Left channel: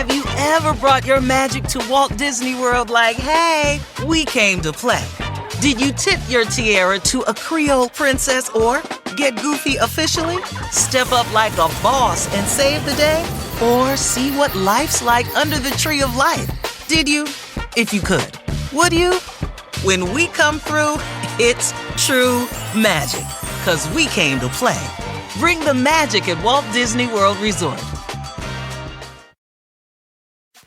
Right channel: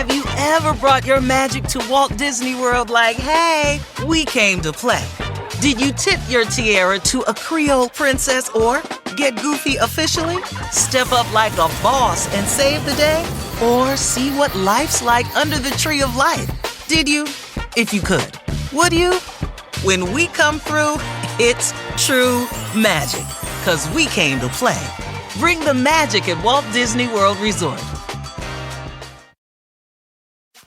Have you ever brought your magic to Walt Disney World like, hey, we came to play? Did you tip your tiara to a Creole princess or get goofy officially? Step up like a boss and save the day? Or see what life's like under the tree of life? Did you? If you could. Would you? When we come through, it's true magic. 'Cause we came to play. Bring the magic at Walt Disney World Resort.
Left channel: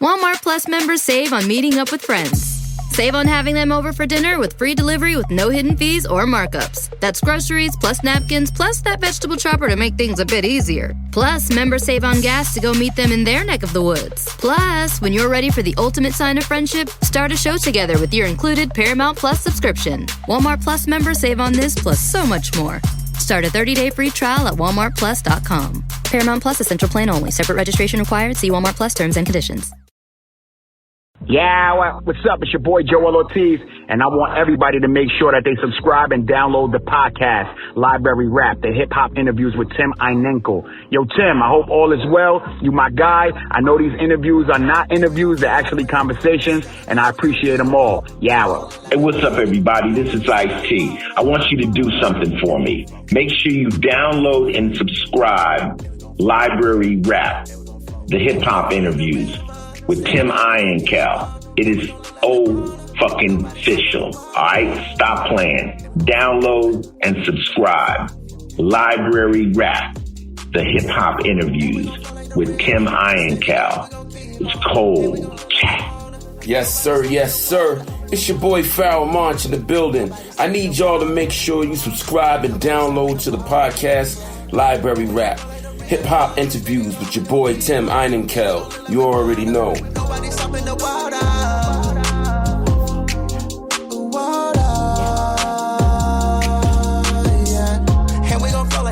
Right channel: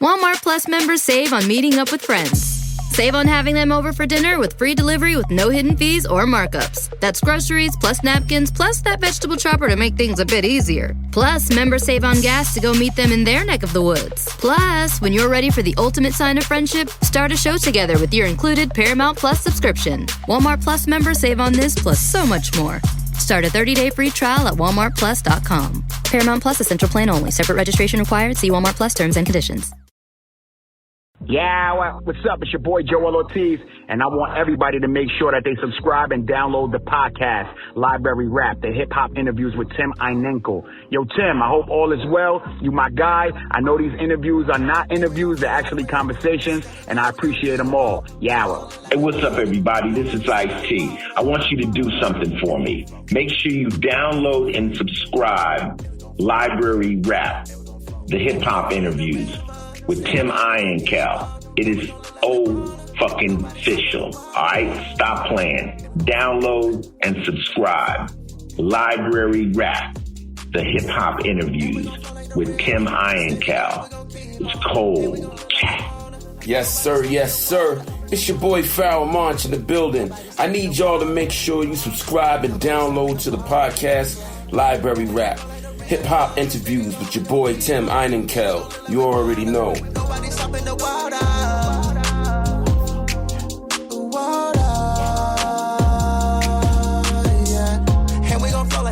Walmart Plus members save on meeting up with friends. Save on having them over for dinner with free delivery with no hidden fees or markups. That's groceries, plus napkins, plus that vegetable chopper to make things a bit easier. Plus, members save on gas to go meet them in their neck of the woods. Plus, when you're ready for the ultimate sign of friendship, start a show together with your included Paramount Plus subscription. Walmart Plus members save on this plus so much more. Start a 30-day free trial at walmartplus.com. Paramount Plus Essential Plan only. Separate registration required. See Walmart Plus terms and conditions. Yeah, what's up? It's your boy Joel Ortiz, and I want everybody to make sure that they subscribe and download the podcast, Library Rap, the hip-hop interviews with Tim Einenkel. Yo, Tim, I hope all is well. You my guy. I know these interviews are not interviews, they're actually conversations, and I appreciate them all. Yawa. Hey, what's up, everybody? This is Ice-T. I want you to do something for me. Make sure you download and subscribe Library Rap, the hip-hop interviews with Tim Einenkel. It is fucking official. All right, stop playing. Download and subscribe. Library Rap, the hip hop interviews with Tim Einenkel. It's cold. Yes, sir. Yes, sir. It's your boy Farrell March in the building. I need y'all to make sure you subscribe and download to the podcast Library Rap. Hip-hop interviews with your boy Tim Einenkel. You already know.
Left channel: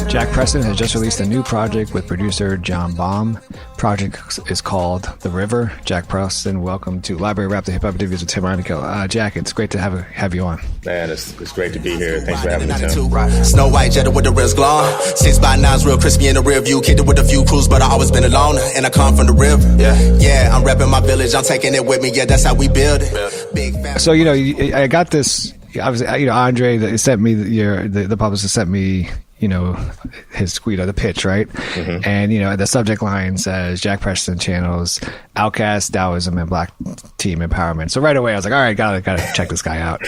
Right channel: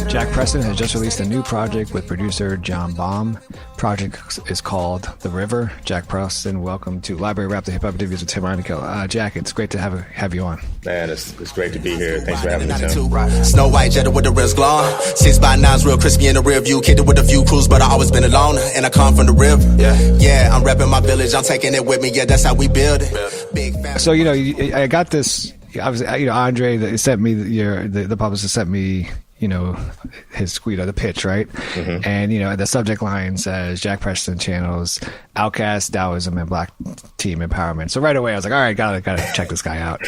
Jack Preston has just released a new project with producer Jon Bom. Project is called The River. Jack Preston, welcome to Library Rap, the hip-hop interviews with Tim Einenkel. Jack, it's great to have you on. Man, it's great to be here. Thanks for having me, Tim. Snow White Jetta with the wrist glowing. 6x9's real crispy in the rear view. Kicked it with a few crews, but I always been alone. And I come from the river. Yeah, I'm repping my village. I'm taking it with me. Yeah, that's how we build it. Big family. So, I got this. Obviously, Andre sent me the publicist sent me, his tweet of the pitch, right? Mm-hmm. And, the subject line says Jack Preston channels Outcast, Taoism, and Black team empowerment. So right away I was like, all right, gotta check this guy out.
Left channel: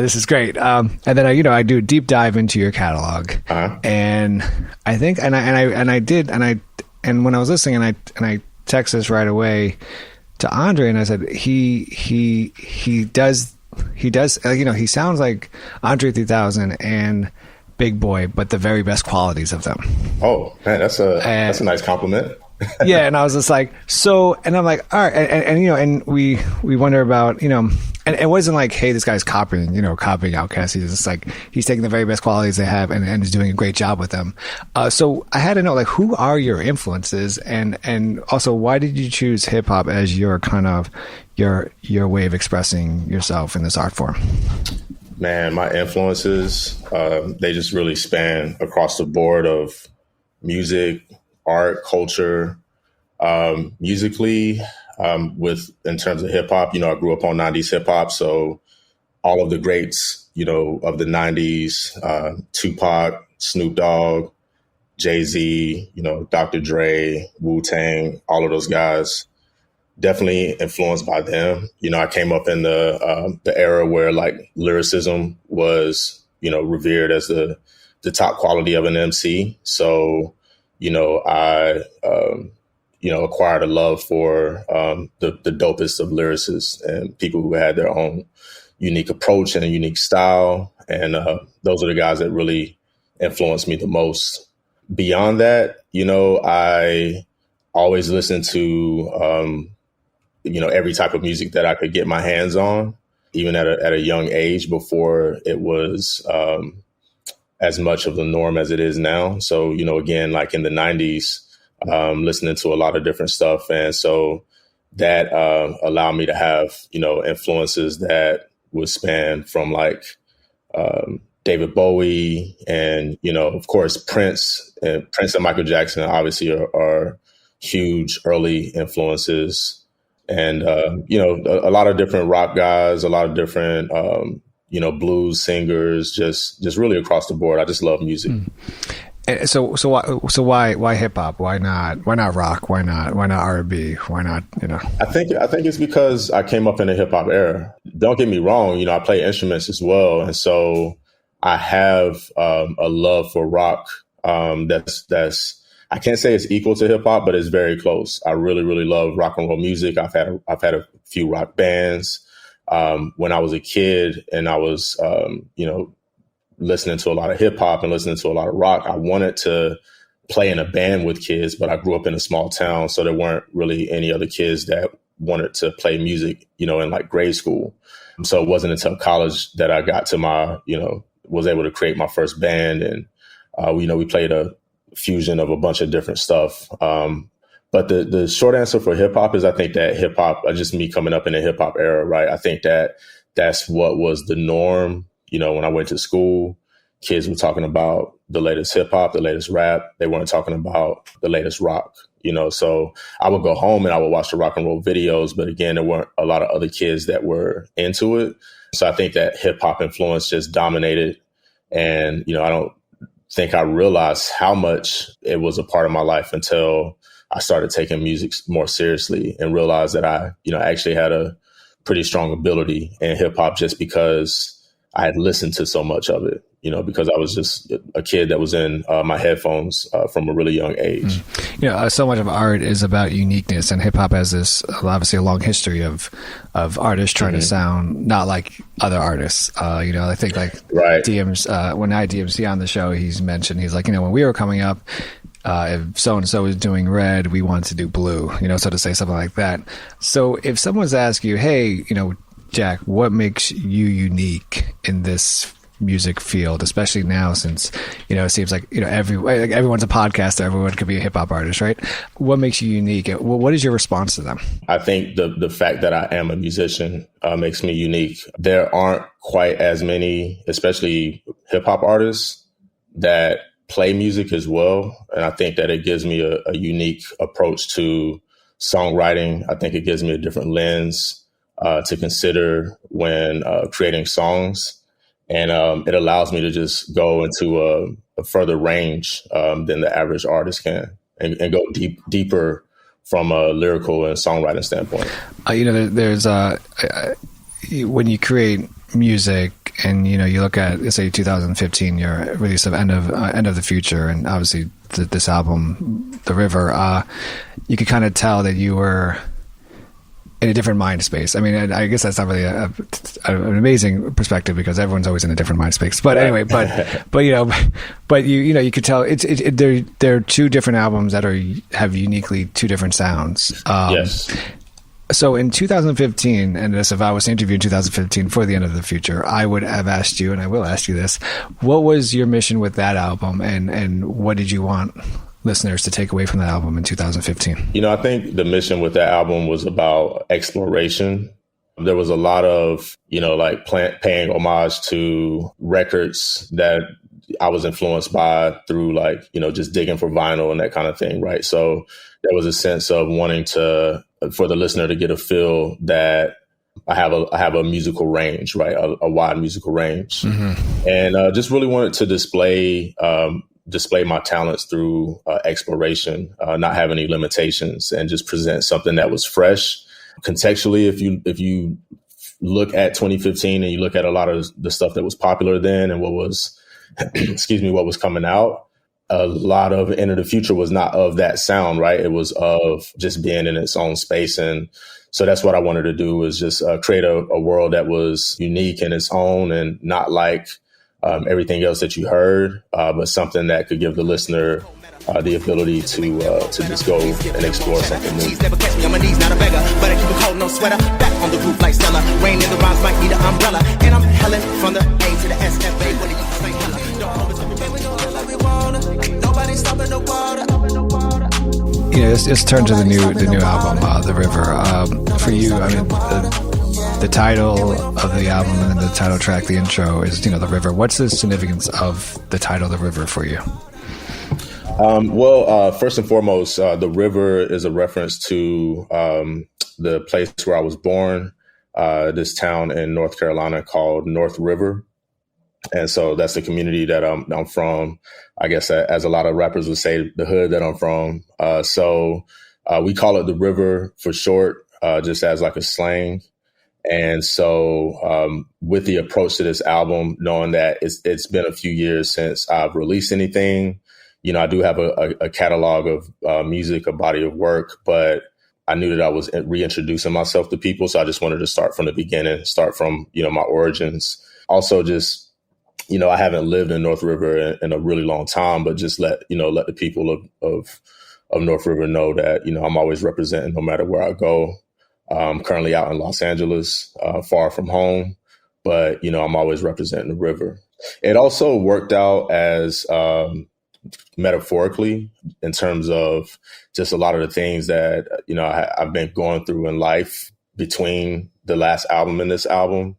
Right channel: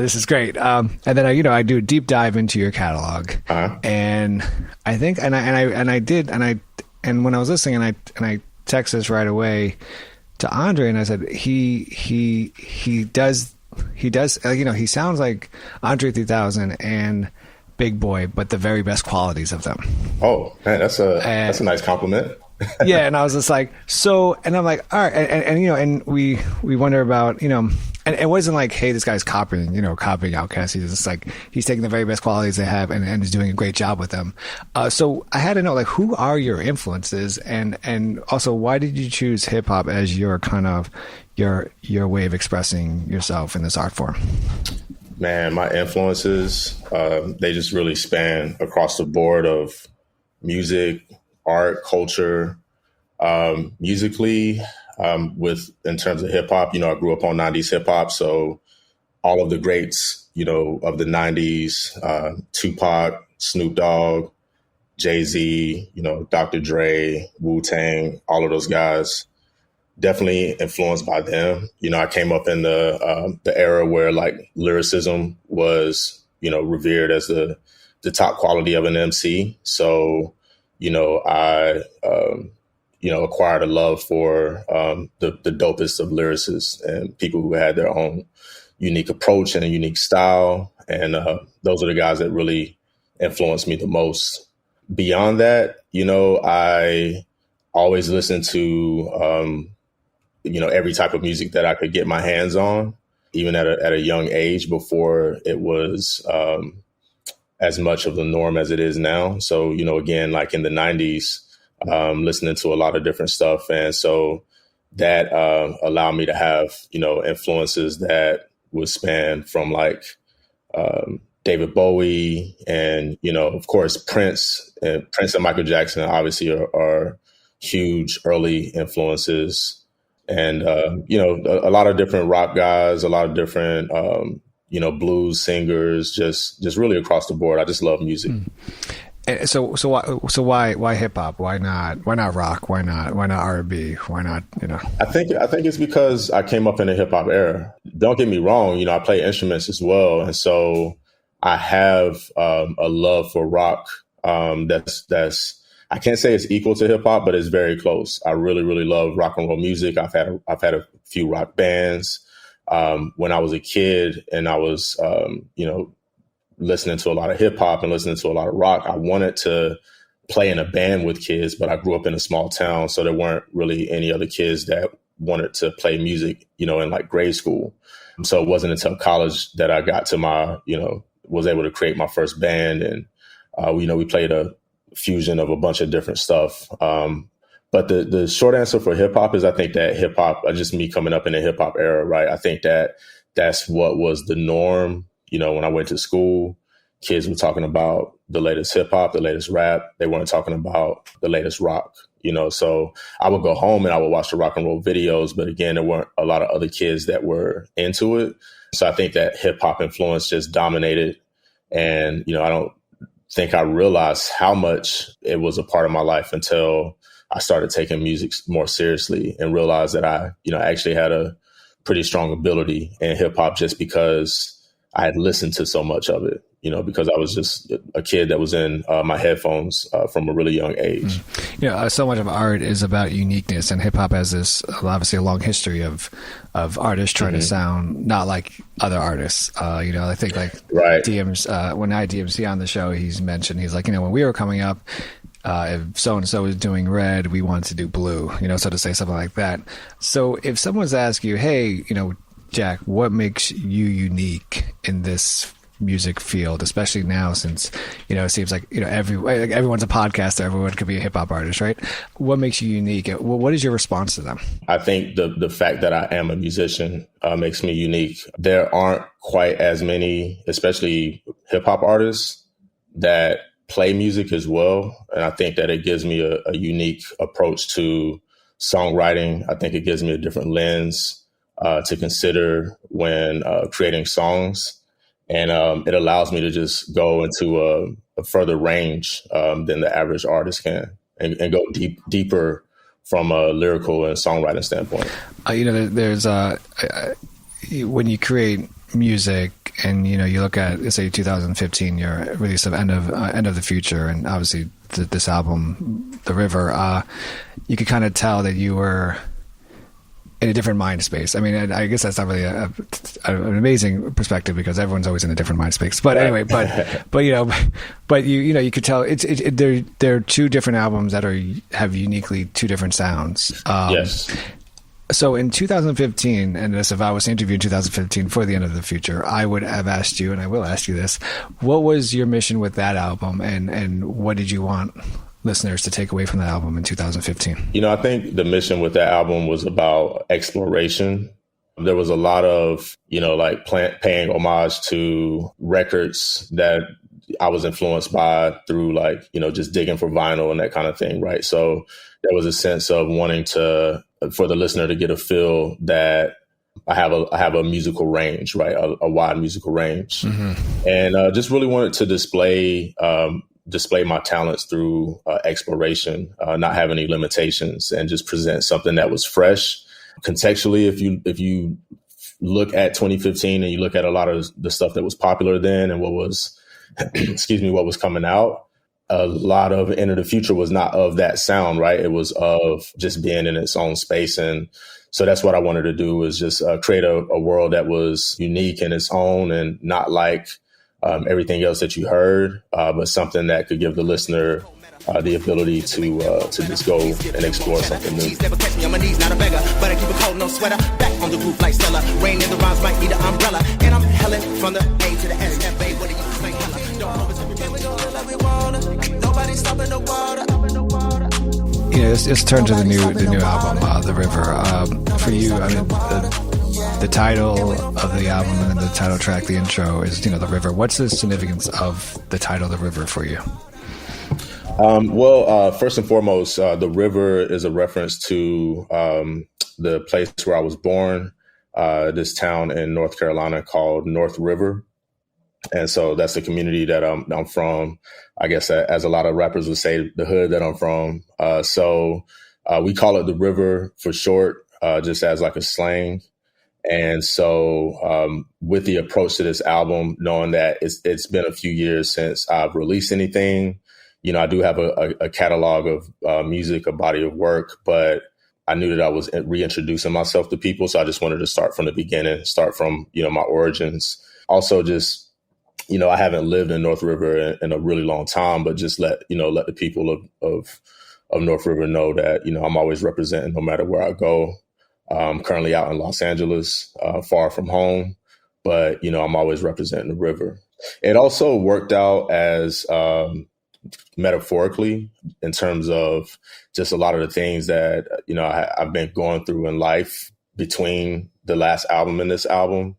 This is great. And then I do a deep dive into your catalog. Uh-huh. And I think, and I did, and when I was listening and I texted this right away to Andre and I said, he does, he sounds like Andre 3000 and Big Boy, but the very best qualities of them. Oh man, that's a nice compliment. Yeah, and I was just like, and I'm like, all right, and we wonder about, and it wasn't like, hey, this guy's copying Outkast. He's just like, he's taking the very best qualities they have and is doing a great job with them. So I had to know, like, who are your influences, and also why did you choose hip hop as your kind of your way of expressing yourself in this art form? Man, my influences, they just really span across the board of music, art, culture. Musically, in terms of hip hop, I grew up on 90s hip hop. So all of the greats, of the 90s, Tupac, Snoop Dogg, Jay-Z, Dr. Dre, Wu-Tang, all of those guys. Definitely influenced by them. I came up in the era where like lyricism was, revered as the top quality of an MC. So, I, acquired a love for the dopest of lyricists and people who had their own unique approach and a unique style. And those are the guys that really influenced me the most. Beyond that, I always listened to, every type of music that I could get my hands on, even at a young age before it was as much of the norm as it is now. So, again, like in the 90s, listening to a lot of different stuff. And so that allowed me to have, influences that would span from like David Bowie and, of course, Prince and Michael Jackson obviously are huge early influences. And, a lot of different rock guys, a lot of different, blues singers, just really across the board. I just love music. So why hip hop? Why not rock? Why not R&B? Why not, I think it's because I came up in the hip hop era. Don't get me wrong. I play instruments as well. And so I have a love for rock. That's I can't say it's equal to hip hop, but it's very close. I really, really love rock and roll music. I've had a few rock bands. When I was a kid and I was, listening to a lot of hip hop and listening to a lot of rock, I wanted to play in a band with kids, but I grew up in a small town. So there weren't really any other kids that wanted to play music, in like grade school. So it wasn't until college that I got to my, was able to create my first band. And, we played a fusion of a bunch of different stuff. But the short answer for hip hop is I think that hip hop, just me coming up in the hip hop era, right? I think that that's what was the norm. When I went to school, kids were talking about the latest hip hop, the latest rap. They weren't talking about the latest rock, So I would go home and I would watch the rock and roll videos. But again, there weren't a lot of other kids that were into it. So I think that hip hop influence just dominated. And, I don't think I realized how much it was a part of my life until I started taking music more seriously and realized that I, actually had a pretty strong ability in hip hop just because I had listened to so much of it, because I was just a kid that was in my headphones from a really young age. So much of art is about uniqueness, and hip hop has this obviously a long history of artists trying to sound not like other artists. I think like DM's when I had DMC on the show, he's like, when we were coming up, if so-and-so is doing red, we wanted to do blue, so to say something like that. So if someone's asking you, hey, Jack, what makes you unique in this music field, especially now since, it seems like, everyone's a podcaster, everyone could be a hip hop artist, right? What makes you unique? What is your response to them? I think the fact that I am a musician makes me unique. There aren't quite as many, especially hip hop artists, that play music as well. And I think that it gives me a unique approach to songwriting. I think it gives me a different lens to consider when creating songs. And it allows me to just go into a further range than the average artist can and go deeper from a lyrical and songwriting standpoint. There's when you create music and, you look at, let's say 2015, your release of End of the Future, and obviously this album, The River, you could kind of tell that you were in a different mind space. I mean, I guess that's not really an amazing perspective because everyone's always in a different mind space. But anyway, but you could tell there are two different albums that have uniquely two different sounds. Yes. So in 2015, and if I was to interview in 2015 for The End of the Future, I would have asked you, and I will ask you this: what was your mission with that album, and what did you want listeners to take away from that album in 2015? I think the mission with that album was about exploration. There was a lot of, paying homage to records that I was influenced by through just digging for vinyl and that kind of thing, right? So there was a sense of wanting for the listener to get a feel that I have a musical range, right? A wide musical range. Mm-hmm. And just really wanted to display my talents through exploration, not have any limitations, and just present something that was fresh. Contextually, if you look at 2015 and you look at a lot of the stuff that was popular then and what was, what was coming out, a lot of End of the Future was not of that sound, right? It was of just being in its own space. And so that's what I wanted to do, was just create a world that was unique in its own and not like everything else that you heard, but something that could give the listener the ability to just go and explore something new. Never catch me on my knees, not a beggar, but I keep a cold, no sweater. Back on the roof like Stella. Rain in the rhymes might need an umbrella. And I'm helen from the A to the S, Cafe. What do you say? Don't always have to we gonna love we wanna. Nobody stopping the water. Let's turn to the new album, The River. For you, I mean, the title of the album and the title track, the intro is, The River. What's the significance of the title, The River, for you? First and foremost, the river is a reference to the place where I was born, this town in North Carolina called North River. And so that's the community that I'm from. I guess as a lot of rappers would say, the hood that I'm from. So we call it the river for short, just as like a slang. And so with the approach to this album, knowing that it's been a few years since I've released anything, I do have a catalog of music, a body of work, but I knew that I was reintroducing myself to people. So I just wanted to start from the beginning, start from, my origins. Also just, I haven't lived in North River in a really long time, but just let the people of North River know that, I'm always representing no matter where I go. I'm currently out in Los Angeles, far from home, but, I'm always representing the river. It also worked out as metaphorically in terms of just a lot of the things that, I've been going through in life between the last album and this album,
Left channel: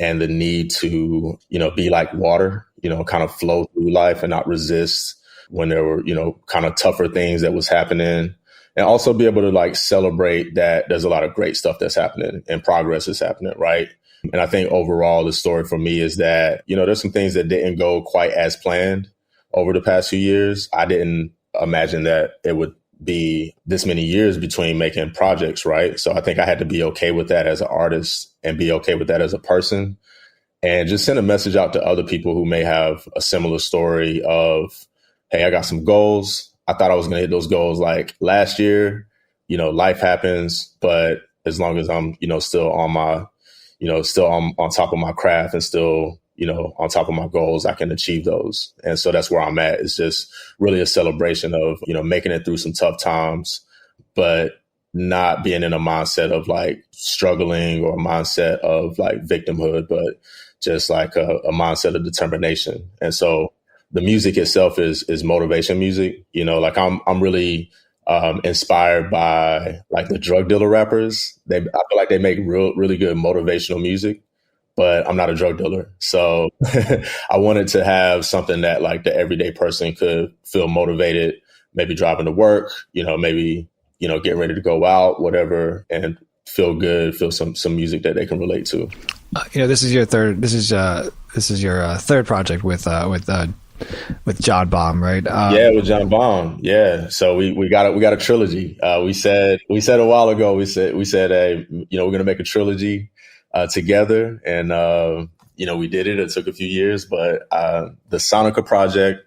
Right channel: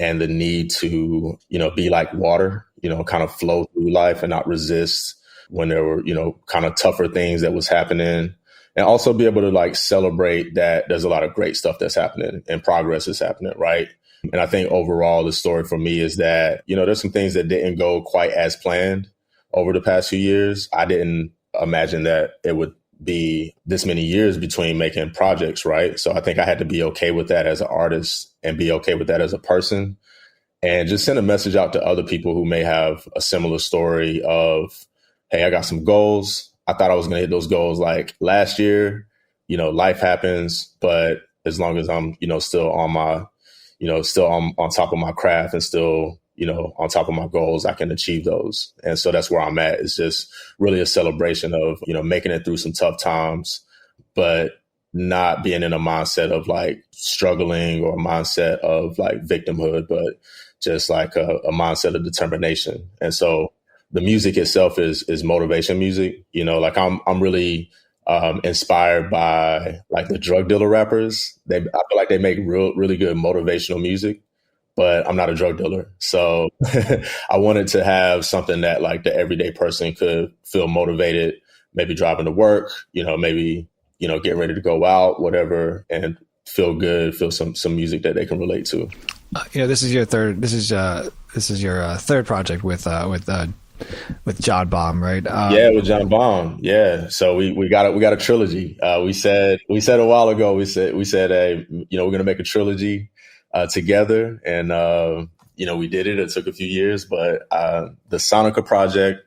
and the need to, be like water, kind of flow through life and not resist when there were, kind of tougher things that was happening. And also be able to like celebrate that there's a lot of great stuff that's happening and progress is happening, right? And I think overall the story for me is that, there's some things that didn't go quite as planned over the past few years. I didn't imagine that it would be this many years between making projects, right? So I think I had to be okay with that as an artist and be okay with that as a person, and just send a message out to other people who may have a similar story of, hey, I got some goals. I thought I was going to hit those goals like last year. Life happens, but as long as I'm, still on my, still on top of my craft and still, on top of my goals, I can achieve those. And so that's where I'm at. It's just really a celebration of, making it through some tough times, but not being in a mindset of like struggling or a mindset of like victimhood, but just like a mindset of determination. And so the music itself is motivation music. Like I'm really inspired by like the drug dealer rappers. I feel like they make really good motivational music, but I'm not a drug dealer. So I wanted to have something that like the everyday person could feel motivated, maybe driving to work, maybe, getting ready to go out, whatever, and feel good, feel some music that they can relate to. This is your third project with Jon Bom, right? Yeah, with Jon Bom. Yeah. So we got a trilogy. We said a while ago, we said, hey, we're going to make a trilogy together. And, we did it. It took a few years, but the Sonica project,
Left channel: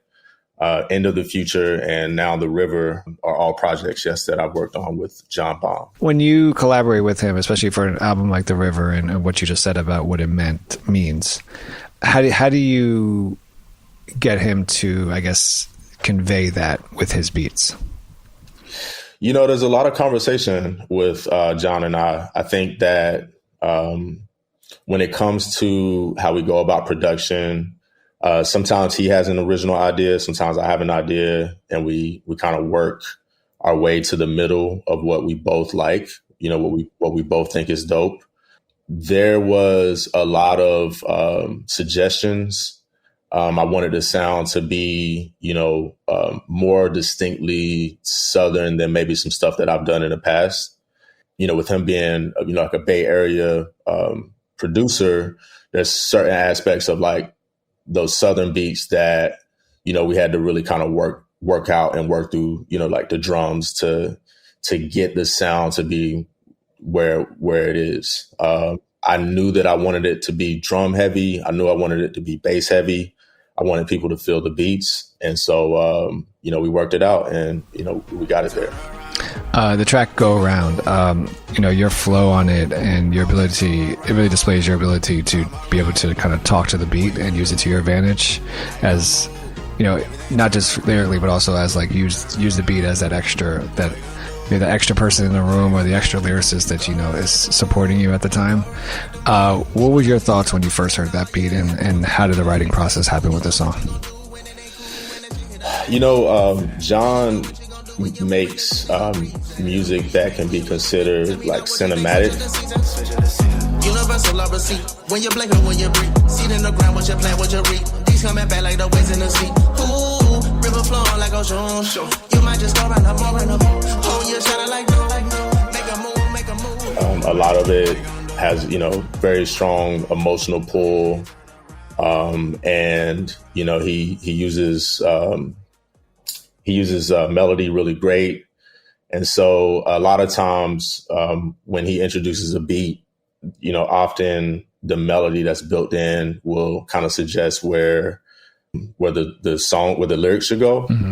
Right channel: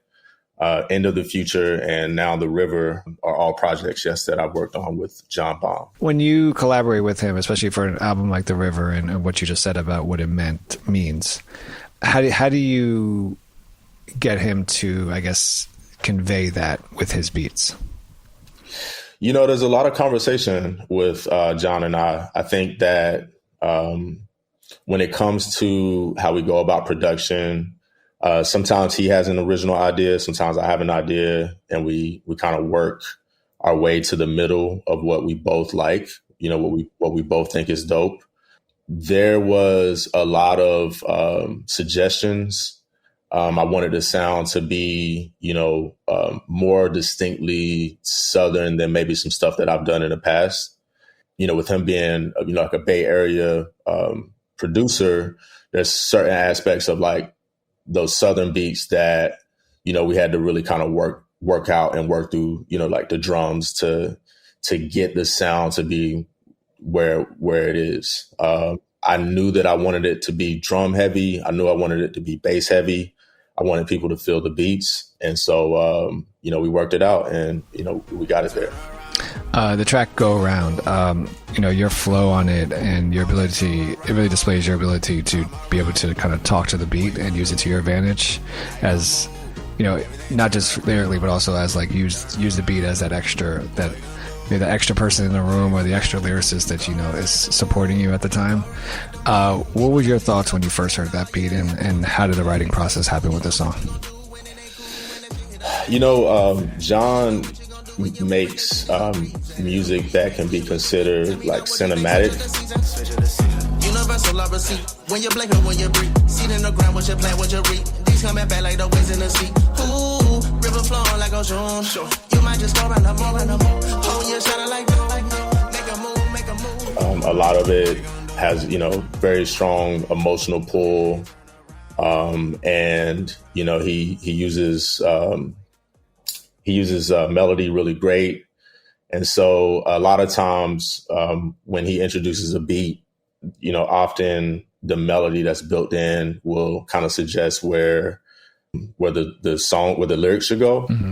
End of the Future, and now The River are all projects, yes, that I've worked on with Jon Bom. When you collaborate with him, especially for an album like The River and what you just said about what it means, how do you get him to, I guess, convey that with his beats? There's a lot of conversation with Jon and I. I think that when it comes to how we go about production, sometimes he has an original idea, sometimes I have an idea, and we kind of work our way to the middle of what we both like, what we both think is dope. There was a lot of suggestions. I wanted the sound to be, more distinctly Southern than maybe some stuff that I've done in the past. With him being, like a Bay Area producer, there's certain aspects of like those Southern beats that, we had to really kind of work out and work through, like the drums to get the sound to be where it is. I knew that I wanted it to be drum heavy. I knew I wanted it to be bass heavy. I wanted people to feel the beats. And so, we worked it out and, we got it there. The track Go Around, your flow on it and your ability, it really displays your ability to be able to kind of talk to the beat and use it to your advantage as, not just lyrically, but also as like use the beat as that extra, that maybe the extra person in the room or the extra lyricist that, is supporting you at the time. What were your thoughts when you first heard that beat and how did the writing process happen with the song? Jon makes music that can be considered like cinematic. Universal receipt. When you blink and when you breathe. Seed in the ground, what you plant, what you reap. These coming back like the waves in the sea. Ooh, river flowing like ocean. You might just go run up, hold your shining like no. Make a move. A lot of it has, very strong emotional pull. And, he uses melody really great. And so a lot of times when he introduces a beat, often the melody that's built in will kind of suggest where the lyrics should go. Mm-hmm.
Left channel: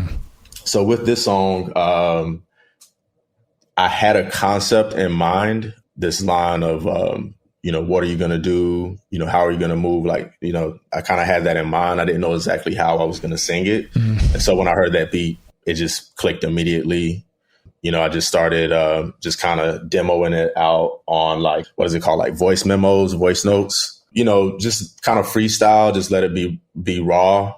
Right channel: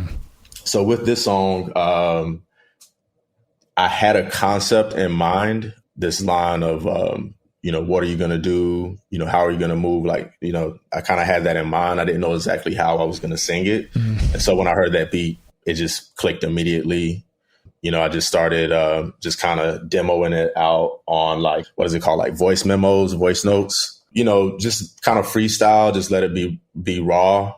So with this song, I had a concept in mind, this line of, what are you going to do? How are you going to move? Like, I kind of had that in mind. I didn't know exactly how I was going to sing it. Mm-hmm. And so when I heard that beat, it just clicked immediately. I just started just kind of demoing it out on voice memos, voice notes, just kind of freestyle, just let it be raw.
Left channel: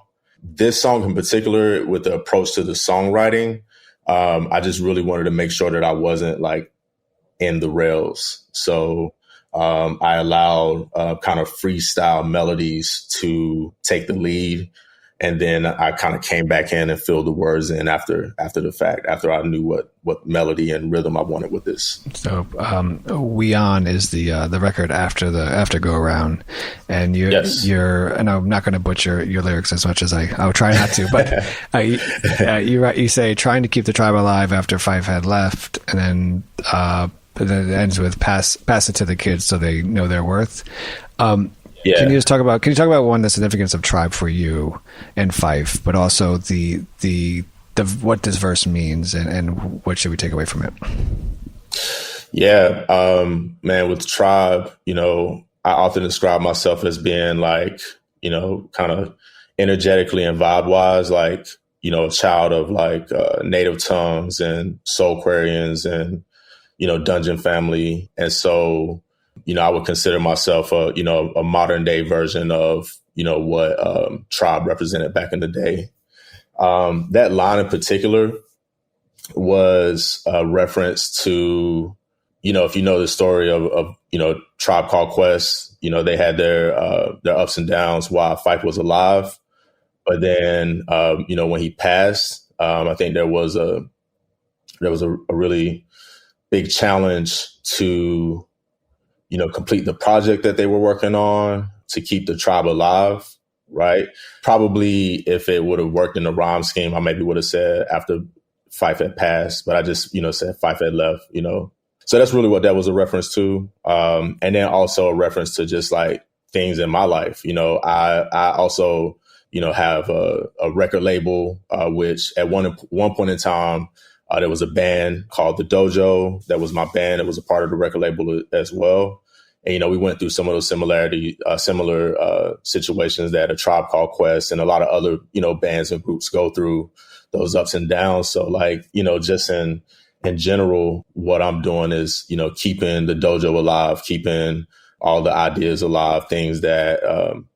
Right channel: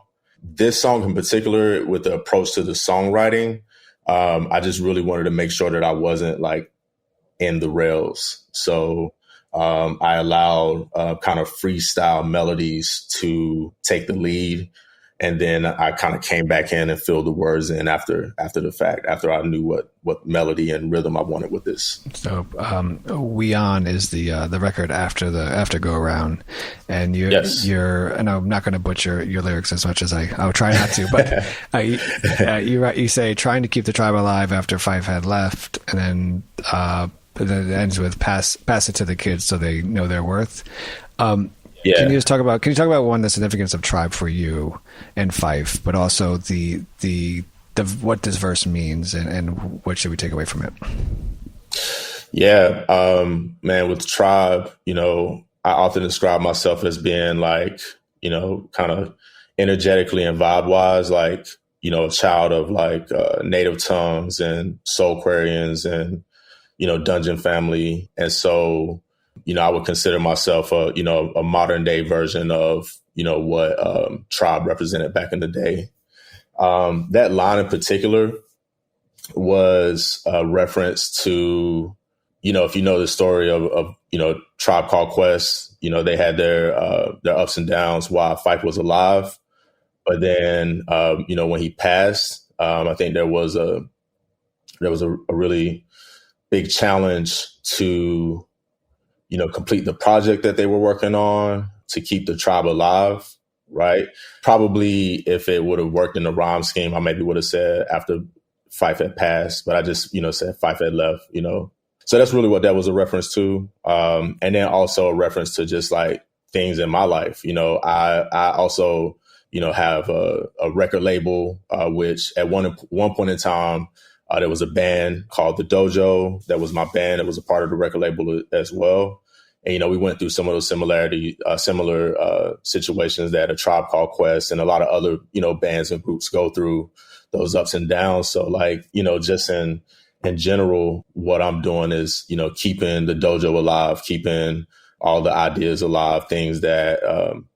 This song in particular, with the approach to the songwriting, I just really wanted to make sure that I wasn't in the rails. So I allowed kind of freestyle melodies to take the lead. And then I kind of came back in and filled the words in after the fact, after I knew what melody and rhythm I wanted with this. So We On is the record after Go Around. And you're and I'm not going to butcher your lyrics as much as I'll try not to, but you say trying to keep the tribe alive after Fife had left, and then it ends with pass it to the kids so they know their worth. Yeah. Can you talk about one, the significance of tribe for you and Fife, but also the what this verse means and what should we take away from it? Yeah, man, with tribe, I often describe myself as being kind of energetically and vibe wise, a child of native tongues and Soulquarians and, Dungeon Family. And so, I would consider myself a modern day version of, what tribe represented back in the day. That line in particular was a reference to, if you know the story of Tribe Called Quest, they had their ups and downs while Fife was alive. But then, when he passed, I think there was a really big challenge to complete the project that they were working on to keep the tribe alive, right? Probably if it would have worked in the rhyme scheme, I maybe would have said after Fife had passed, but I just, said Fife had left, So that's really what that was a reference to. And then also a reference to just things in my life. I also, have a record label, which at one point in time, there was a band called The Dojo. That was my band. It was a part of the record label as well. And, we went through some of those similar situations that A Tribe Called Quest and a lot of other, bands and groups go through, those ups and downs. So just in general, what I'm doing is, keeping the dojo alive, keeping all the ideas alive, things that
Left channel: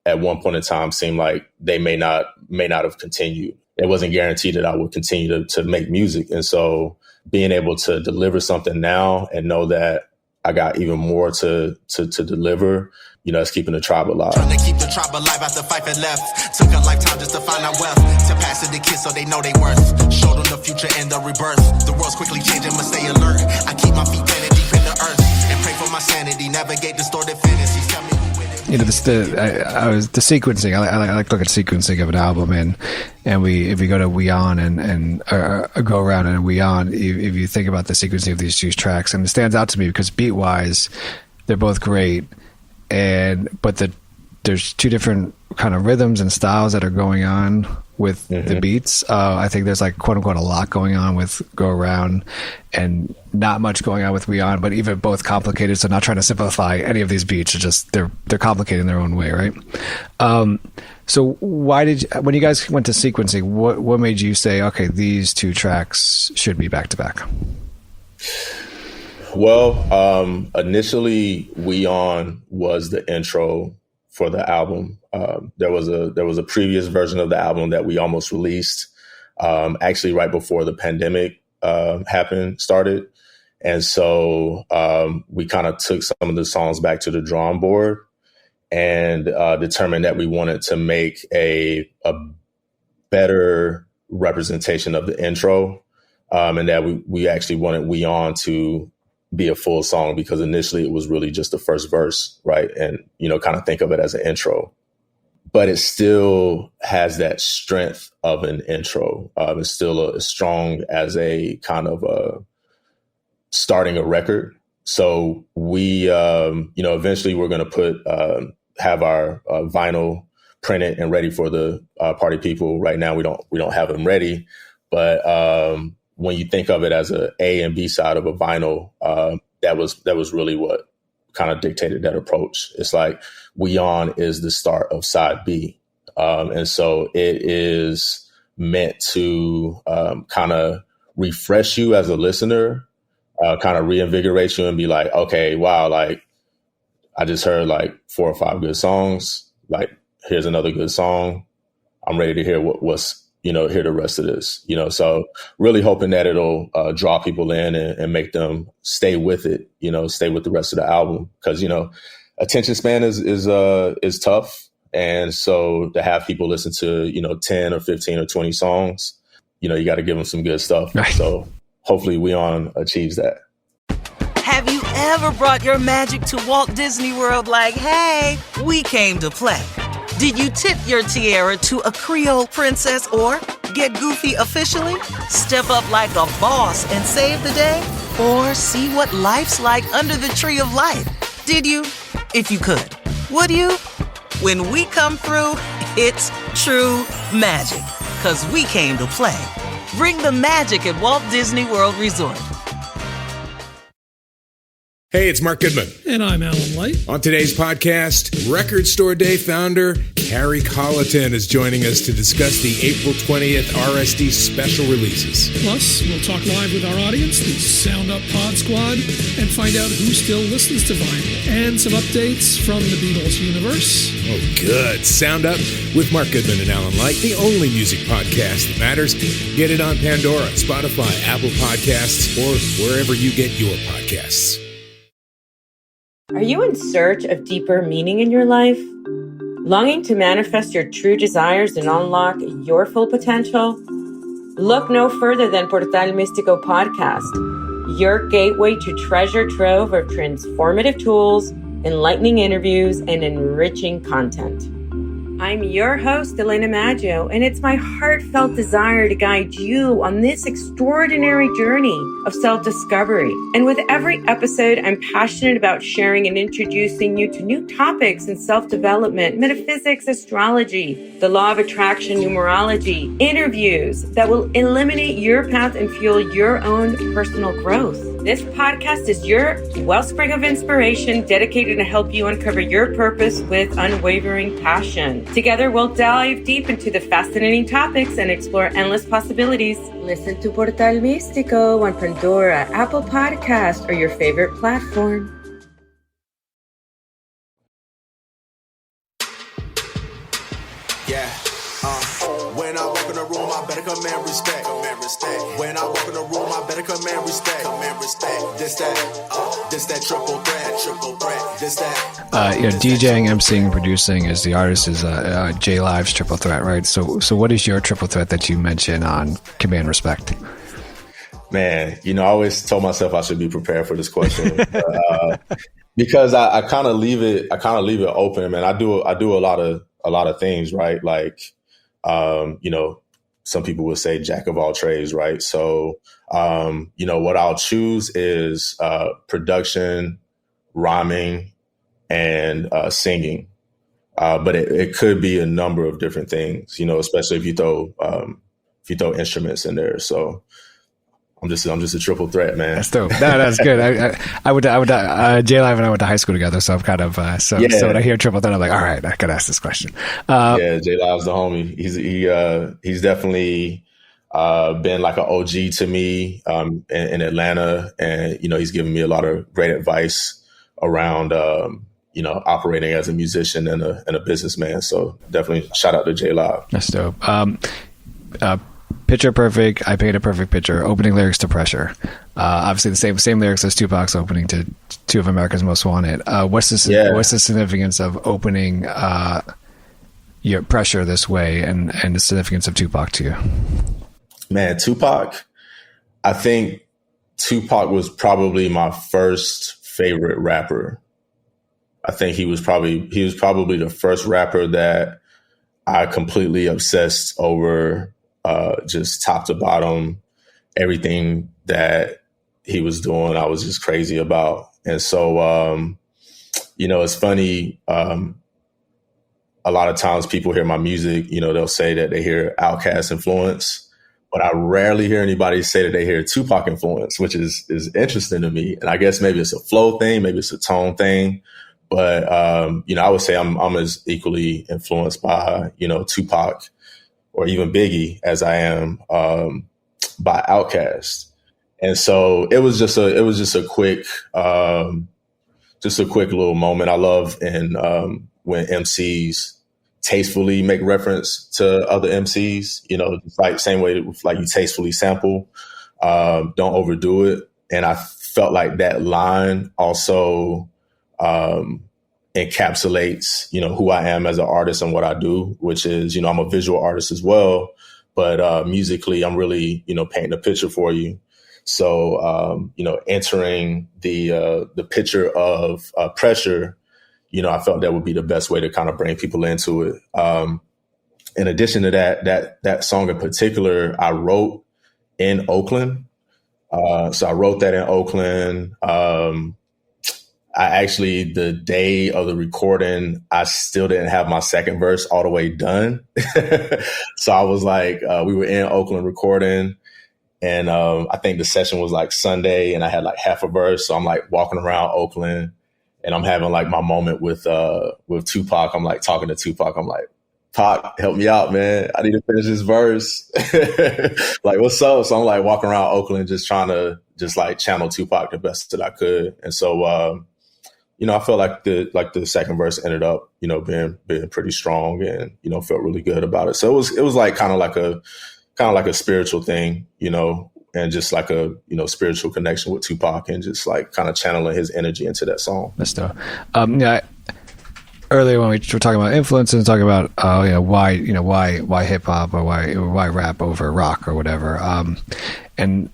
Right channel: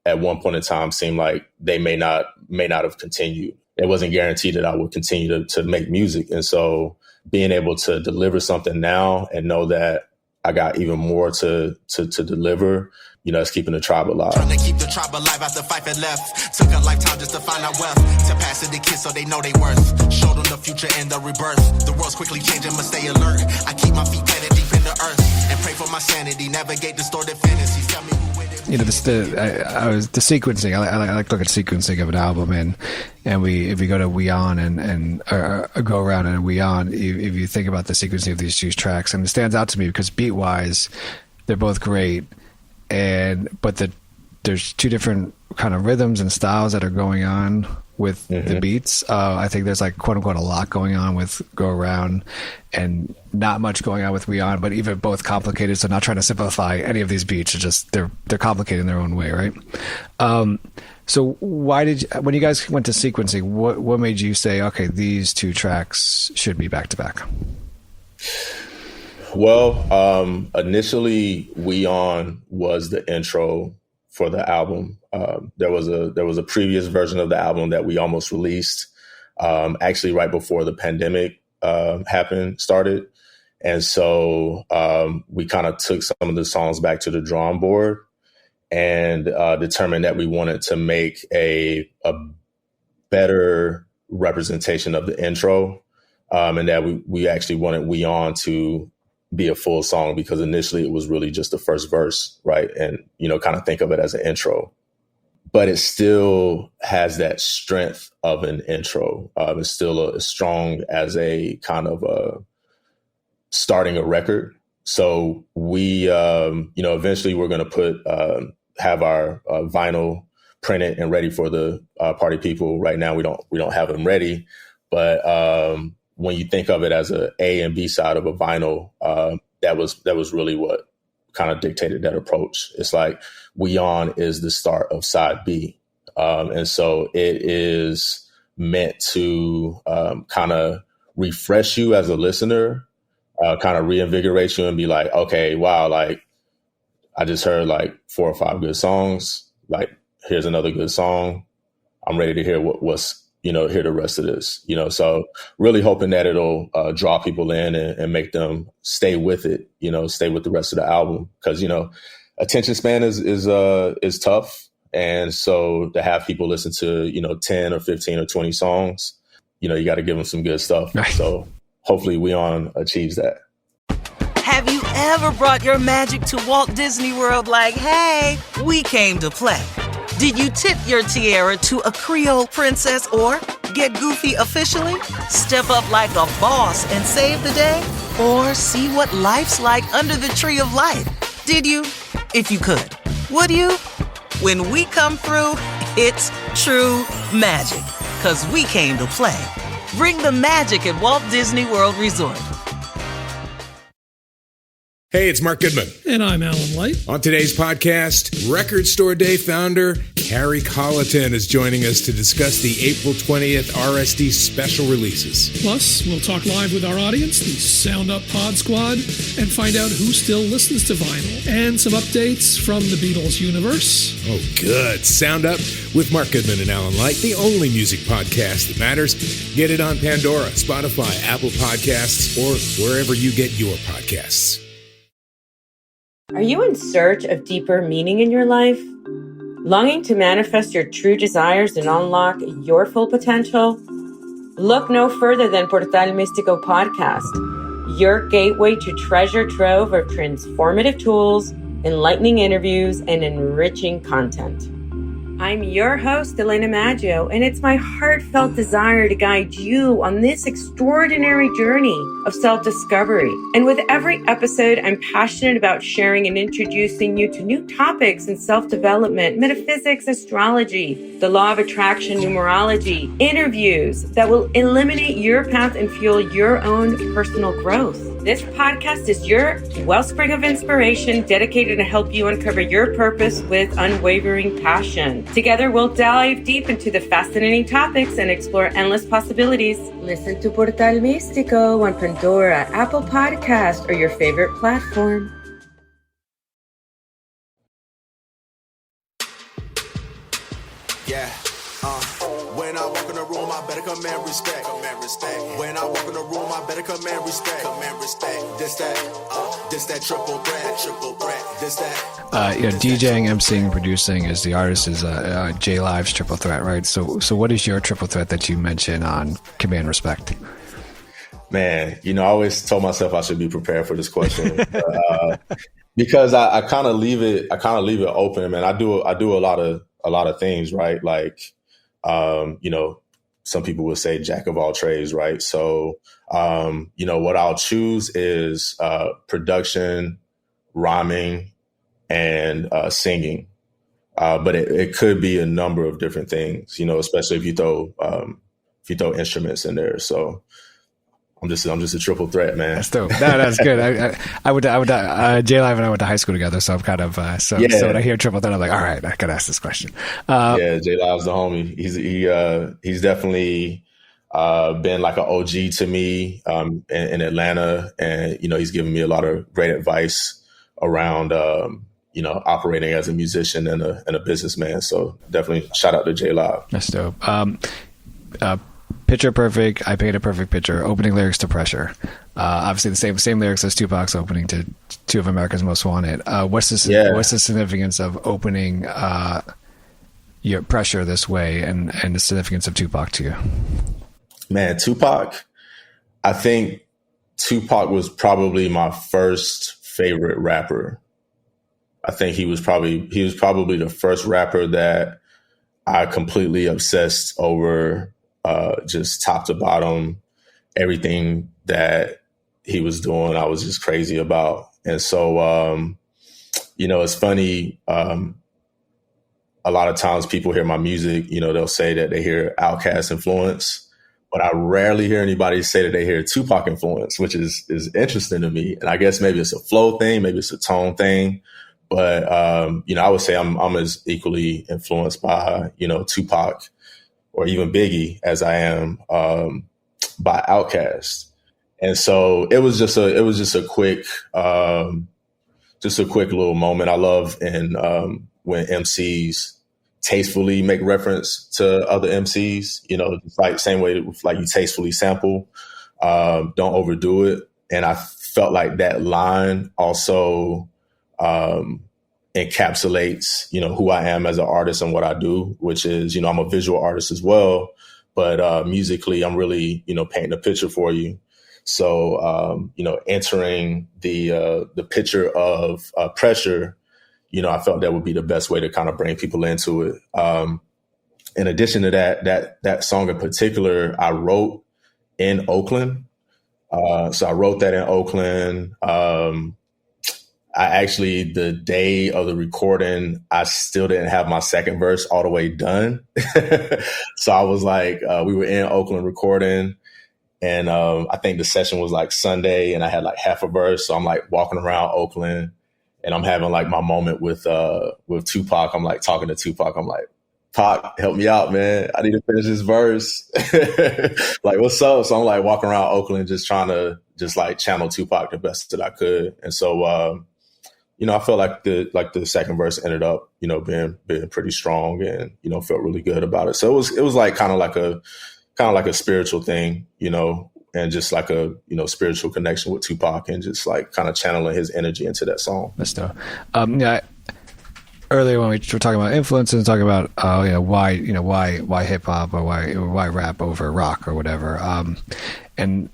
at one point in time seemed like they may not have continued. It wasn't guaranteed that I would continue to make music. And so being able to deliver something now and know that I got even more to deliver, it's keeping the tribe alive. Trying to keep the tribe alive after Fife had left. Took a lifetime just to find out wealth. To pass it to kids so they know they worth. Show them the future and the rebirth. The world's quickly changing, must stay alert. I keep my feet planted deep in the earth. And pray for my sanity, navigate distorted fantasies. Tell me the sequencing. I like to look at sequencing of an album, and if we go to We On and Go Around and We On, if you think about the sequencing of these two tracks, and it stands out to me because beat wise, they're both great, but there's two different kind of rhythms and styles that are going on with the beats. I think there's quote unquote a lot going on with Go Around and not much going on with We On, but even both complicated. So not trying to simplify any of these beats, it's just they're complicated in their own way, right? So when you guys went to sequencing, what made you say, okay, these two tracks should be back to back? Well, initially We On was the intro for the album. There was a previous version of the album that we almost released, actually right before the pandemic started. And so we kind of took some of the songs back to the drawing board and determined that we wanted to make a better representation of the intro, and that we actually wanted We On to be a full song, because initially it was really just the first verse, right? And, kind of think of it as an intro. But it still has that strength of an intro. It's still as strong as a kind of starting a record. So we, eventually we're going to have our vinyl printed and ready for the party people. Right now, we don't have them ready. But when you think of it as a A and B side of a vinyl, that was really what kind of dictated that approach. It's like We On is the start of side B. And so it is meant to kind of refresh you as a listener, kind of reinvigorate you and be like, okay, wow, like I just heard like 4 or 5 good songs. Like, here's another good song. I'm ready to hear hear the rest of this, so really hoping that it'll draw people in and make them stay with it, stay with the rest of the album. Because, attention span is tough. And so to have people listen to, 10 or 15 or 20 songs, you got to give them some good stuff. So hopefully We On achieves that. Have you ever brought your magic to Walt Disney World like, hey, we came to play? Did you tip your tiara to a Creole princess or get goofy officially? Step up like a boss and save the day? Or see what life's like under the tree of life? Did you? If you could. Would you? When we come through, it's true magic. 'Cause we came to play. Bring the magic at Walt Disney World Resort. Hey, it's Mark Goodman. And I'm Alan Light. On today's podcast, Record Store Day founder Carrie Colleton is joining us to discuss the April 20th RSD special releases. Plus, we'll talk live with our audience, the Sound Up Pod Squad, and find out who still listens to vinyl. And some updates from the Beatles universe. Oh, good. Sound Up with Mark Goodman and Alan Light, the only music podcast that matters. Get it on Pandora, Spotify, Apple Podcasts, or wherever you get your podcasts. Are you in search of deeper meaning in your life? Longing to manifest your true desires and unlock your full potential? Look no further than Portal Místico Podcast, your gateway to treasure trove of transformative tools, enlightening interviews, and enriching content. I'm your host, Elena Maggio, and it's my heartfelt desire to guide you on this extraordinary journey of self-discovery. And with every episode, I'm passionate about sharing and introducing you to new topics in self-development, metaphysics, astrology, the law of attraction, numerology, interviews that will eliminate your path and fuel your own personal growth. This podcast is your wellspring of inspiration dedicated to help you uncover your purpose with unwavering passion. Together, we'll dive deep into the fascinating topics and explore endless possibilities. Listen to Portal Místico on Pandora, Apple Podcast, or your favorite platform. When I walk in the room, I better command respect. When I walk in the room, I better command respect. This that triple threat. This that. DJing, MCing, producing is the artist is J Live's triple threat, right? So what is your triple threat that you mention on command respect? Man, I always told myself I should be prepared for this question because I kind of leave it open, man. I do a lot of things, right? Like, some people would say jack of all trades, right? So, what I'll choose is production, rhyming, and singing. But it could be a number of different things, especially if you throw instruments in there. So I'm just a triple threat, man. That's dope. No, that's good. I would J Live and I went to high school together, so I'm kind of so when I hear triple threat, I'm like, all right, I gotta ask this question. J Live's the homie. He's definitely been like an OG to me in Atlanta, and he's given me a lot of great advice around operating as a musician and a businessman. So definitely shout out to J Live. That's dope. Picture Perfect, I Paint a Perfect Picture, opening lyrics to Pressure. Obviously the same lyrics as Tupac's opening to Two of America's Most Wanted. What's the significance of opening your Pressure this way and the significance of Tupac to you? Man, Tupac, I think Tupac was probably my first favorite rapper. I think he was probably the first rapper that I completely obsessed over, just top to bottom, everything that he was doing, I was just crazy about. And so, it's funny. A lot of times people hear my music, they'll say that they hear Outkast influence, but I rarely hear anybody say that they hear Tupac influence, which is interesting to me. And I guess maybe it's a flow thing, maybe it's a tone thing. But, I would say I'm as equally influenced by, Tupac or even Biggie as I am by Outkast. And so it was just a quick little moment. I love when MCs tastefully make reference to other MCs, like same way like you tastefully sample, don't overdo it. And I felt like that line also encapsulates, who I am as an artist and what I do, which is, I'm a visual artist as well, but musically I'm really, painting a picture for you. So, entering the picture of pressure, I felt that would be the best way to kind of bring people into it. In addition to that song in particular, I wrote in Oakland. So I wrote that in Oakland. I actually, the day of the recording, I still didn't have my second verse all the way done. So I was like, we were in Oakland recording, and I think the session was like Sunday, and I had like half a verse. So I'm like walking around Oakland, and I'm having like my moment with Tupac. I'm like talking to Tupac. I'm like, Pac, help me out, man. I need to finish this verse. Like, what's up? So I'm like walking around Oakland, just trying to just like channel Tupac the best that I could. And so, I felt like the second verse ended up, being pretty strong, and, felt really good about it. So it was like kind of like a spiritual thing, and just like a, spiritual connection with Tupac, and just like kind of channeling his energy into that song. That's dope. Earlier when we were talking about influence and talking about, why hip hop or why rap over rock or whatever. And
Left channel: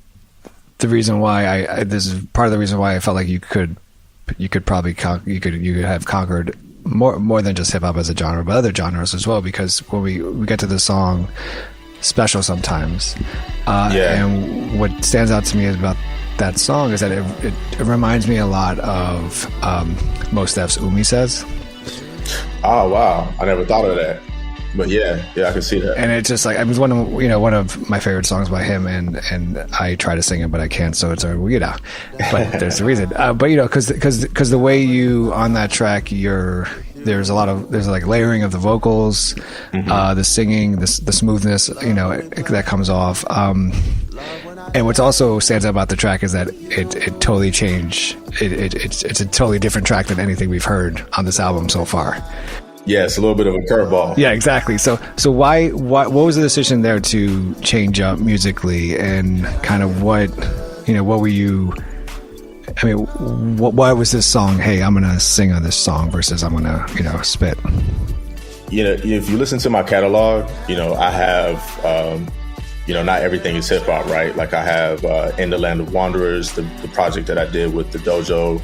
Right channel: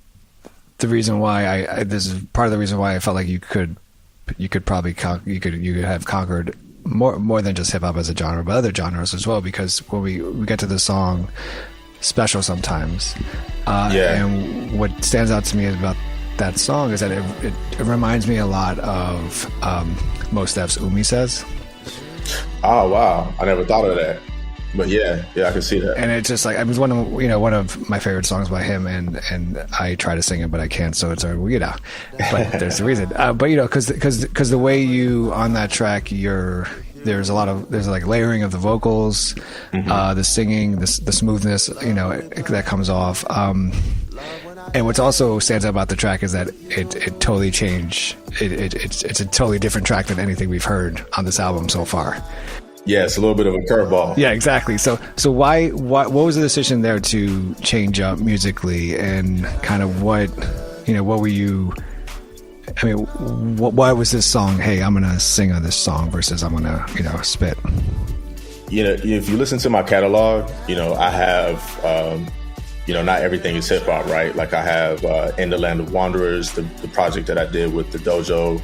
the reason why this is part of the reason why I felt like you could probably have conquered more than just hip hop as a genre, but other genres as well, because when we get to the song Special Sometimes, and what stands out to me about that song is that it reminds me a lot of Mos Def's Umi Says. Oh wow, I never thought of that. But yeah, I can see that. And it's just like, it was one of my favorite songs by him, and I try to sing it, but I can't. So it's but there's a reason. But because the way you on that track, there's like layering of the vocals, the singing, the smoothness, that comes off. And what's also stands out about the track is that it totally changed. It's a totally different track than anything we've heard on this album so far. Yeah, it's a little bit of a curveball. Yeah, exactly. So why what was the decision there to change up musically, and kind of what were you? I mean, why was this song? Hey, I'm gonna sing on this song versus I'm gonna spit. If you listen to my catalog, I have. Not everything is hip hop, right? Like I have In the Land of Wanderers, the project that I did with the dojo,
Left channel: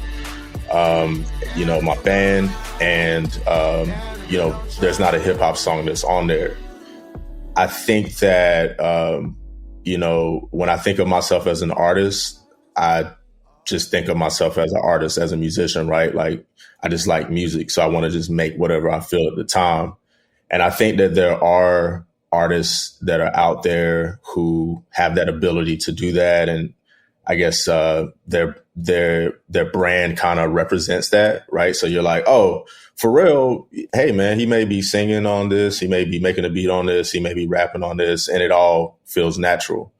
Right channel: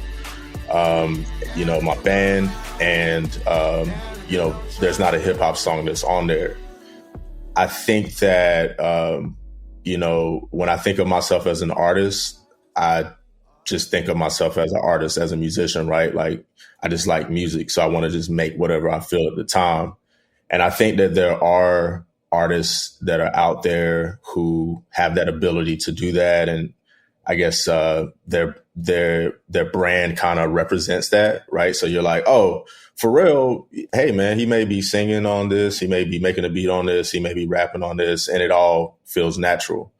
my band, and, there's not a hip hop song that's on there. I think that, when I think of myself as an artist, I just think of myself as an artist, as a musician, right? Like I just like music. So I want to just make whatever I feel at the time. And I think that there are artists that are out there who have that ability to do that, and I guess their brand kind of represents that, right? So you're like, oh, for real, hey man, he may be singing on this, he may be making a beat on this, he may be rapping on this, and it all feels natural.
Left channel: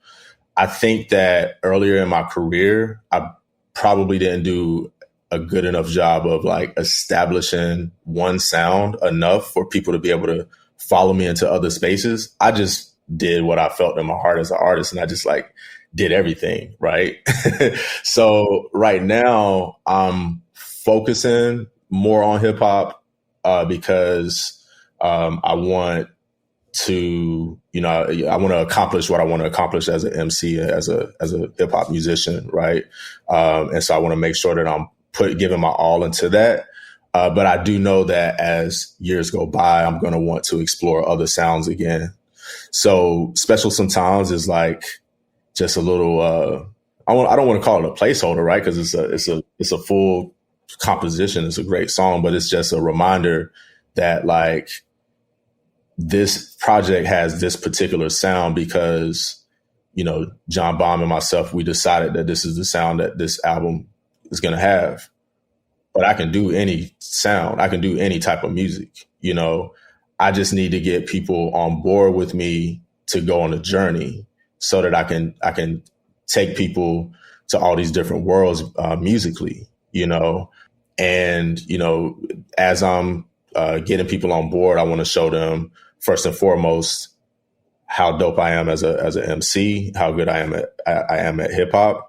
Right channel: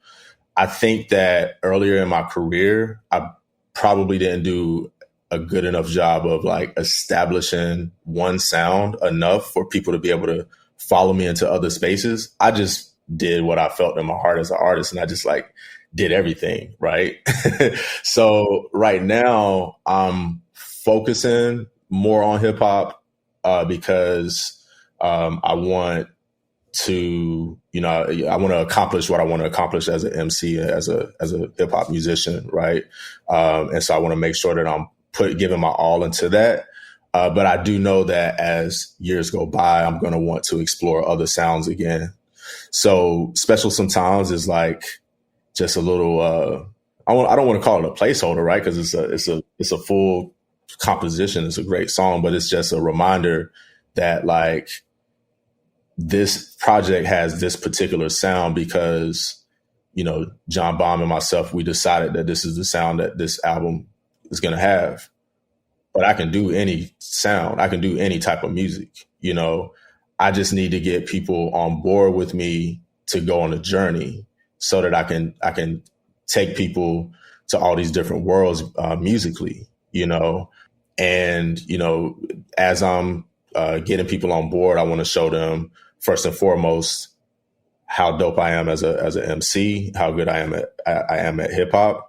I think that earlier in my career, I probably didn't do a good enough job of like establishing one sound enough for people to be able to follow me into other spaces. I just did what I felt in my heart as an artist, and I just like did everything, right? So right now I'm focusing more on hip hop because I want to, you know, I want to accomplish what I want to accomplish as an MC, as a hip hop musician, right? And so I want to make sure that I'm giving my all into that. But I do know that as years go by, I'm going to want to explore other sounds again. So Special Sometimes is like just a little, I don't want to call it a placeholder, right? Because it's a full composition. It's a great song, but it's just a reminder that like this project has this particular sound because, you know, Jon Bom and myself, we decided that this is the sound that this album is going to have. But I can do any sound. I can do any type of music, you know. I just need to get people on board with me to go on a journey so that I can take people to all these different worlds musically, you know. And, you know, as I'm getting people on board, I want to show them first and foremost how dope I am as an MC, how good I am at hip hop.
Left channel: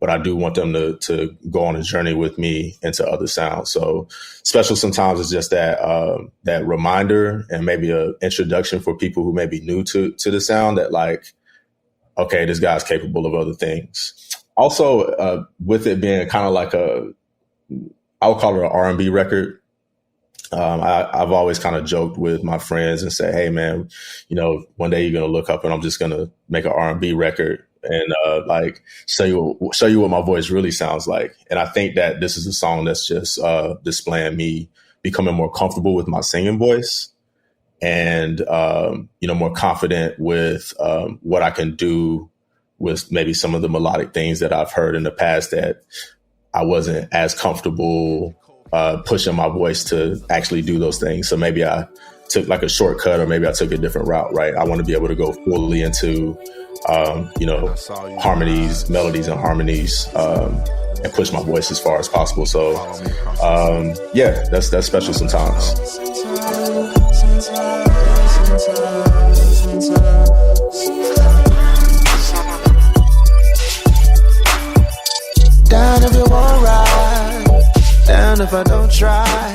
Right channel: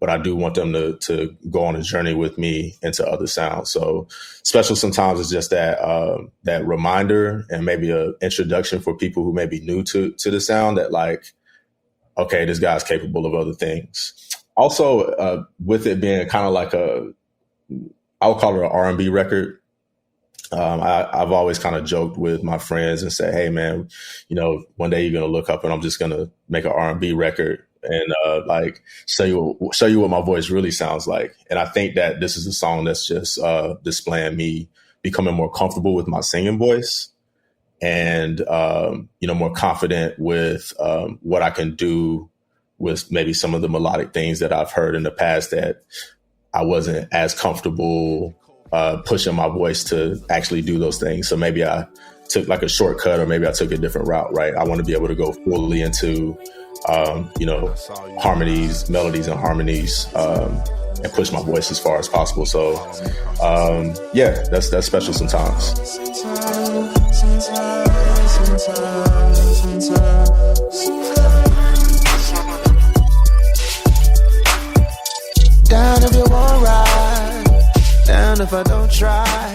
But I do want them to go on a journey with me into other sounds. So Special Sometimes is just that reminder and maybe an introduction for people who may be new to the sound that like, okay, this guy's capable of other things. Also, with it being kind of like I would call it an R&B record. I've always kind of joked with my friends and say, hey, man, you know, one day you're going to look up and I'm just going to make an R&B record and like show you what my voice really sounds like. And I think that this is a song that's just displaying me becoming more comfortable with my singing voice and, you know, more confident with what I can do with maybe some of the melodic things that I've heard in the past that I wasn't as comfortable pushing my voice to actually do those things. So maybe I took like a shortcut or maybe I took a different route, right? I want to be able to go fully into, you know, harmonies, melodies and harmonies, and push my voice as far as possible. So, yeah, that's Special Sometimes. Down if you won't ride, down if I don't try.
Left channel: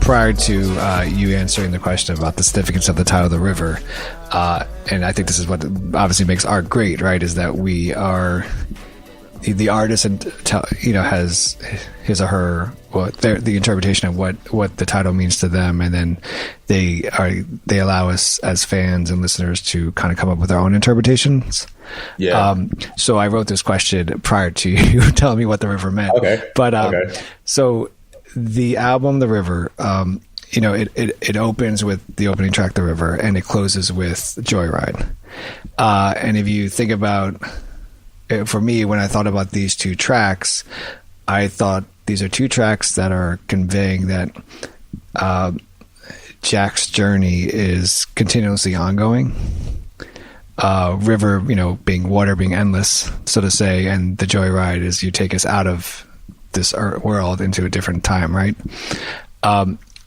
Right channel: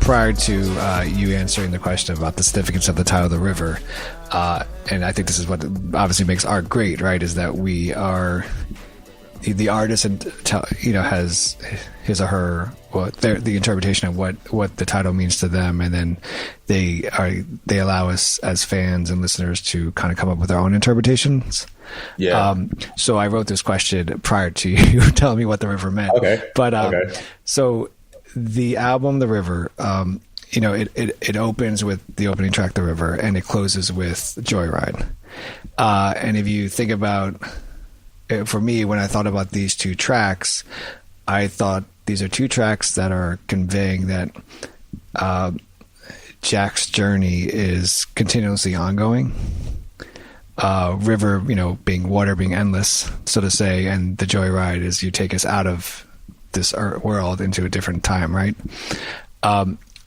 Prior to you answering the question about the significance of the title The River, and I think this is what obviously makes art great, right, is that we are the artist and, you know, has his or her, well, the interpretation of what the title means to them, and then they allow us as fans and listeners to kind of come up with our own interpretations. Yeah. So I wrote this question prior to you telling me what The River meant. Okay. But so the album The River, you know, it opens with the opening track The River and it closes with Joyride. And if you think about, for me, when I thought about these two tracks, I thought these are two tracks that are conveying that Jack's journey is continuously ongoing. River, you know, being water, being endless, so to say, and the Joyride is you take us out of this world into a different time, right?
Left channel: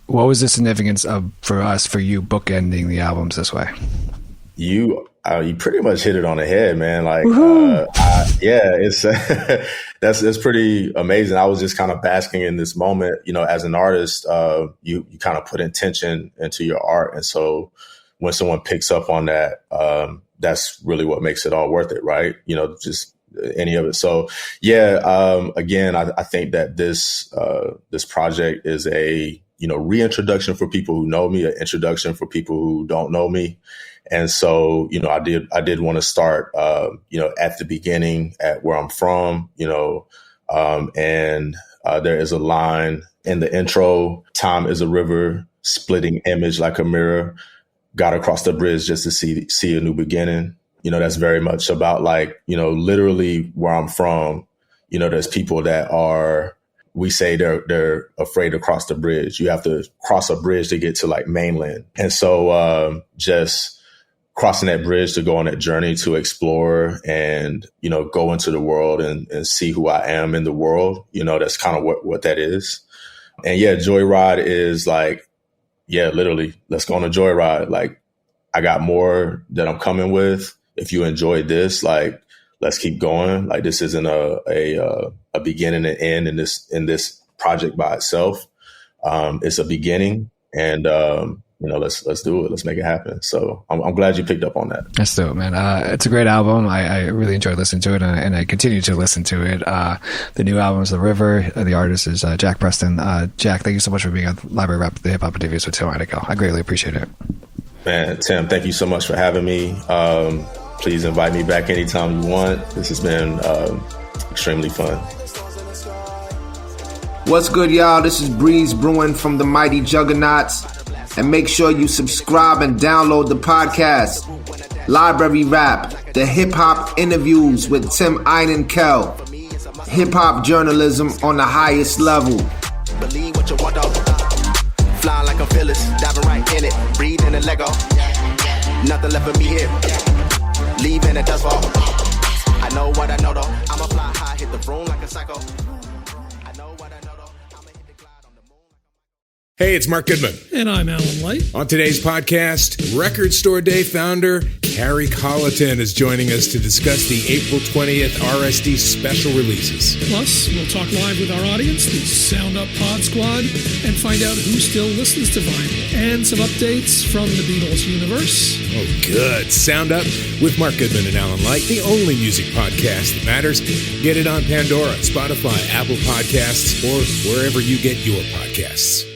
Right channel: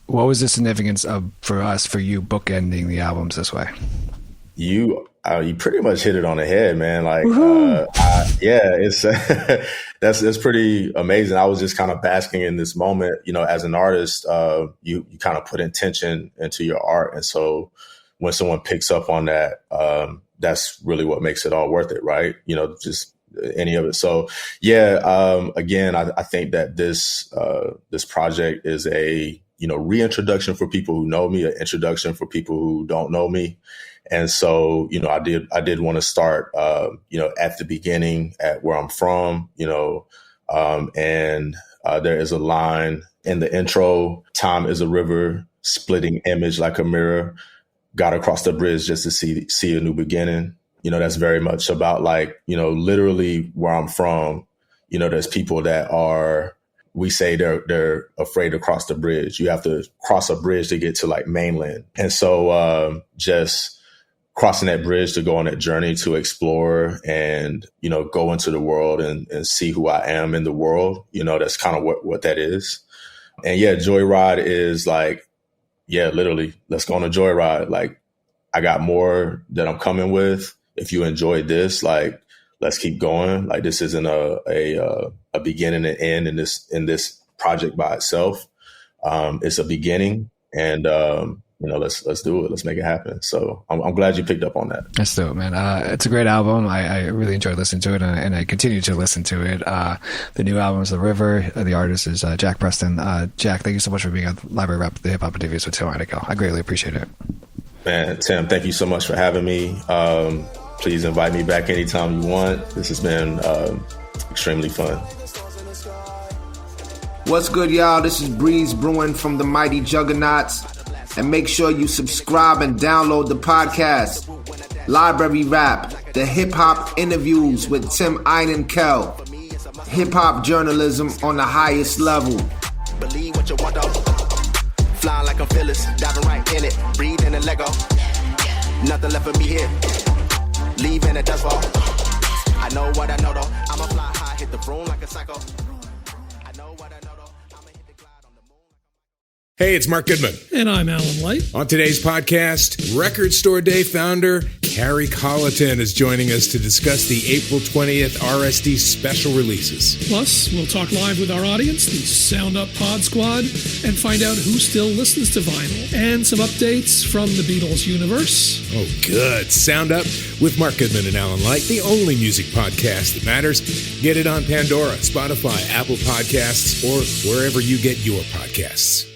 What was the significance for you bookending the albums this way? You pretty much hit it on the head, man. Like, yeah, it's that's pretty amazing. I was just kind of basking in this moment. You know, as an artist, you kind of put intention into your art, and so when someone picks up on that, that's really what makes it all worth it, right? You know, just any of it. So yeah, again, I think that this project is a, you know, reintroduction for people who know me, an introduction for people who don't know me. And so, you know, I did want to start, you know, at the beginning, at where I'm from, you know, and there is a line in the intro, time is a river, splitting image like a mirror, got across the bridge just to see a new beginning. You know, that's very much about like, you know, literally where I'm from, you know, there's people that we say they're afraid to cross the bridge. You have to cross a bridge to get to like mainland. And so just crossing that bridge to go on that journey to explore and, you know, go into the world and see who I am in the world. You know, that's kind of what that is. And yeah, Joyride is like, yeah, literally, let's go on a joyride. Like, I got more that I'm coming with. If you enjoyed this, like, let's keep going. Like, this isn't a beginning and end in this project by itself. It's a beginning, and let's do it. Let's make it happen. So I'm glad you picked up on that. That's dope, man. It's a great album. I really enjoyed listening to it, and I continue to listen to it. The new album is The River. The artist is Jack Preston. Jack, thank you so much for being on Library Rap, the Hip Hop Interviews with Tim Heinecke. I greatly appreciate it. Man, Tim, thank you so much for having me. Please invite me back anytime you want. This has been extremely fun. What's good, y'all? This is Breeze Brewing from the Mighty Juggernauts. And make sure you subscribe and download the podcast, Library Rap, the hip-hop interviews with Tim Heinecke. Hip-hop journalism on the highest level. Believe what you want, flying like a Phyllis, diving right in it, breathing a Lego. Nothing left for me here, leaving a dust ball. I know what I know though, I'ma fly high, hit the room like a psycho. Hey, it's Mark Goodman. And I'm Alan Light. On today's podcast, Record Store Day founder Carrie Colleton is joining us to discuss the April 20th RSD special releases. Plus, we'll talk live with our audience, the Sound Up Pod Squad, and find out who still listens to vinyl. And some updates from the Beatles universe. Oh, good. Sound Up with Mark Goodman and Alan Light, the only music podcast that matters. Get it on Pandora, Spotify, Apple Podcasts, or wherever you get your podcasts.